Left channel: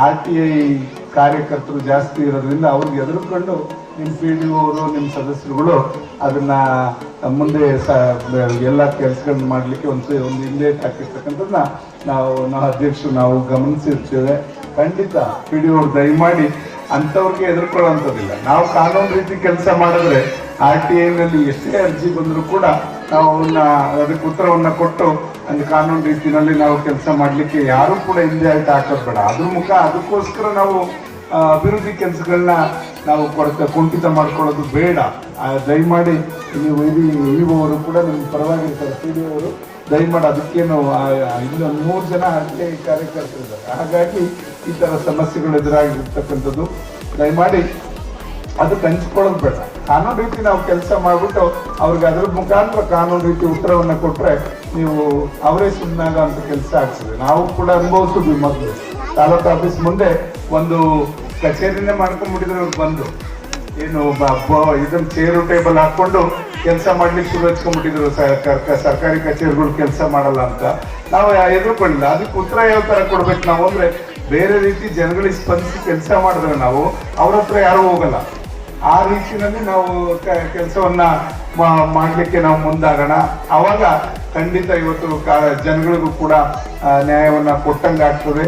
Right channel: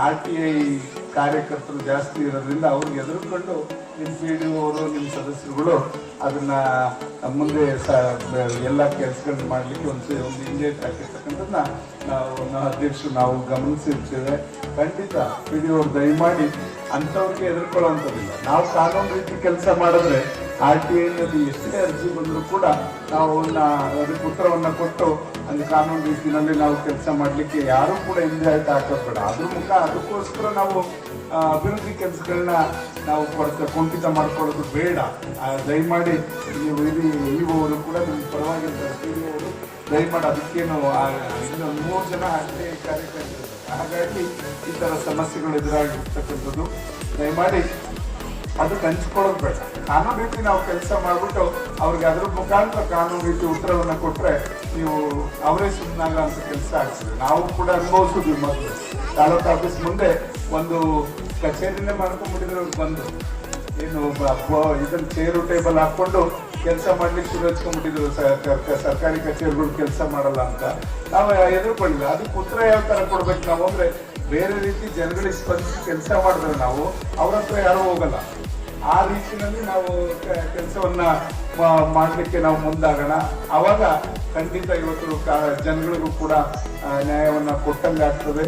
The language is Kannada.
ಆರ್ ಟಿ ಐ ಕಾರ್ಯಕರ್ತರು ಜಾಸ್ತಿ ಇರೋದ್ರಿಂದ ಅವ್ರಿಗೆ ಎದುರುಕೊಂಡು ನಿಮ್ಮ ಪಿ ಡಿ ಅವರು ನಿಮ್ಮ ಸದಸ್ಯರುಗಳು ಅದನ್ನ ಮುಂದೆ ಸ, ಎಲ್ಲ ಕೆಲಸಗಳನ್ನ ಮಾಡಲಿಕ್ಕೆ ಒಂದು ಒಂದು ಹಿಂದೆ ಹಾಕಿರ್ತಕ್ಕಂಥದ್ದನ್ನ ನಾವು ನಾವು ಅಧ್ಯಕ್ಷರು ನಾವು ಗಮನಿಸಿರ್ತೇವೆ. ಖಂಡಿತ ಪಿ ಡಿ ಒರು ದಯಮಾಡಿ ಅಂಥವ್ರಿಗೆ ಎದುರ್ಕೊಳ್ಳುವಂಥದ್ದಿಲ್ಲ. ನಾವು ಕಾನೂನು ರೀತಿ ಕೆಲಸ ಮಾಡಿದ್ರೆ ಆರ್ ಟಿ ಐನಲ್ಲಿ ಎಷ್ಟೇ ಅರ್ಜಿ ಬಂದರೂ ಕೂಡ ನಾವು ಅವನ್ನ, ಅದಕ್ಕೆ ಉತ್ತರವನ್ನು ಕೊಟ್ಟು ಅಲ್ಲಿ ಕಾನೂನು ರೀತಿಯಲ್ಲಿ ನಾವು ಕೆಲಸ ಮಾಡಲಿಕ್ಕೆ ಯಾರೂ ಕೂಡ ಹಿಂದೆ ಆಯ್ತು ಹಾಕೋದ್ಬೇಡ ಅದ್ರ ಮುಖ, ಅದಕ್ಕೋಸ್ಕರ ನಾವು ಅಭಿವೃದ್ಧಿ ಕೆಲಸಗಳನ್ನ ನಾವು ಕೊಡ್ತಾ, ಕುಂಠಿತ ಮಾಡ್ಕೊಳ್ಳೋದು ಬೇಡ. ದಯಮಾಡಿ ನೀವು, ಇದು ಇವರು ಕೂಡ ನಮ್ಗೆ ಪರವಾಗಿರ್ತಾರೆ. ಪಿ ಡಿ ಅವರು ದಯಮಾಡಿ ಅದಕ್ಕೇನು ಇನ್ನೊಂದು ಮೂರು ಜನ ಹಾಗೆ ಕಾರ್ಯಕರ್ತರು. ಹಾಗಾಗಿ ಈ ಥರ ಸಮಸ್ಯೆಗಳು ಎದುರಾಗಿರ್ತಕ್ಕಂಥದ್ದು, ದಯಮಾಡಿ ಅದು ಹಂಚ್ಕೊಳ್ಳೋದು ಬೇಡ. ಕಾನೂನು ರೀತಿ ನಾವು ಕೆಲಸ ಮಾಡಿಬಿಟ್ಟು ಅವ್ರಿಗೆ ಅದ್ರ ಮುಖಾಂತರ ಕಾನೂನು ರೀತಿ ಉತ್ತರವನ್ನು ಕೊಟ್ಟರೆ ನೀವು ಅವರೇ ಸುಮ್ಮನಾಗ ಅಂತ ಕೆಲಸ ಆಗ್ತದೆ. ನಾವು ಕೂಡ ಅನುಭವಿಸಿದ್ವಿ ಮೊದಲು. ತಾಲೂಕು ಆಫೀಸ್ ಮುಂದೆ ಒಂದು ಕಚೇರಿನೇ ಮಾಡ್ಕೊಂಡ್ಬಿಟ್ಟಿದ್ರೆ, ಅವ್ರು ಬಂದು. ಏನು ಇದನ್ನ ಚೇರು ಟೇಬಲ್ ಹಾಕೊಂಡು ಕೆಲಸ ಮಾಡ್ಲಿಕ್ಕೆ ಶುರು ಹಚ್ಕೊಂಡ್ಬಿಟ್ಟಿದ್ರು ಸರ್ಕಾರಿ ಕಚೇರಿಗಳು ಕೆಲಸ ಮಾಡಲ್ಲ ಅಂತ. ನಾವು ಎದುರುಕೊಳ್ಳಿಲ್ಲ ಅದಕ್ಕೆ ಉತ್ತರ ಯಾವ ತರ ಕೊಡ್ಬೇಕು ನಾವು ಅಂದರೆ ಬೇರೆ ರೀತಿ ಜನಗಳಿಗೆ ಸ್ಪಂದಿಸಿ ಕೆಲಸ ಮಾಡಿದ್ರೆ ನಾವು ಅವ್ರ ಹತ್ರ ಯಾರೂ ಹೋಗಲ್ಲ. ಆ ರೀತಿಯಲ್ಲಿ ನಾವು ಕೆಲಸವನ್ನ ಮಾಡಲಿಕ್ಕೆ ನಾವು ಮುಂದಾಗೋಣ. ಅವಾಗ ಖಂಡಿತ ಇವತ್ತು ಜನಗಳಿಗೂ ಕೂಡ ನ್ಯಾಯವನ್ನ ಕೊಟ್ಟಂಗಾಗ್ತದೆ.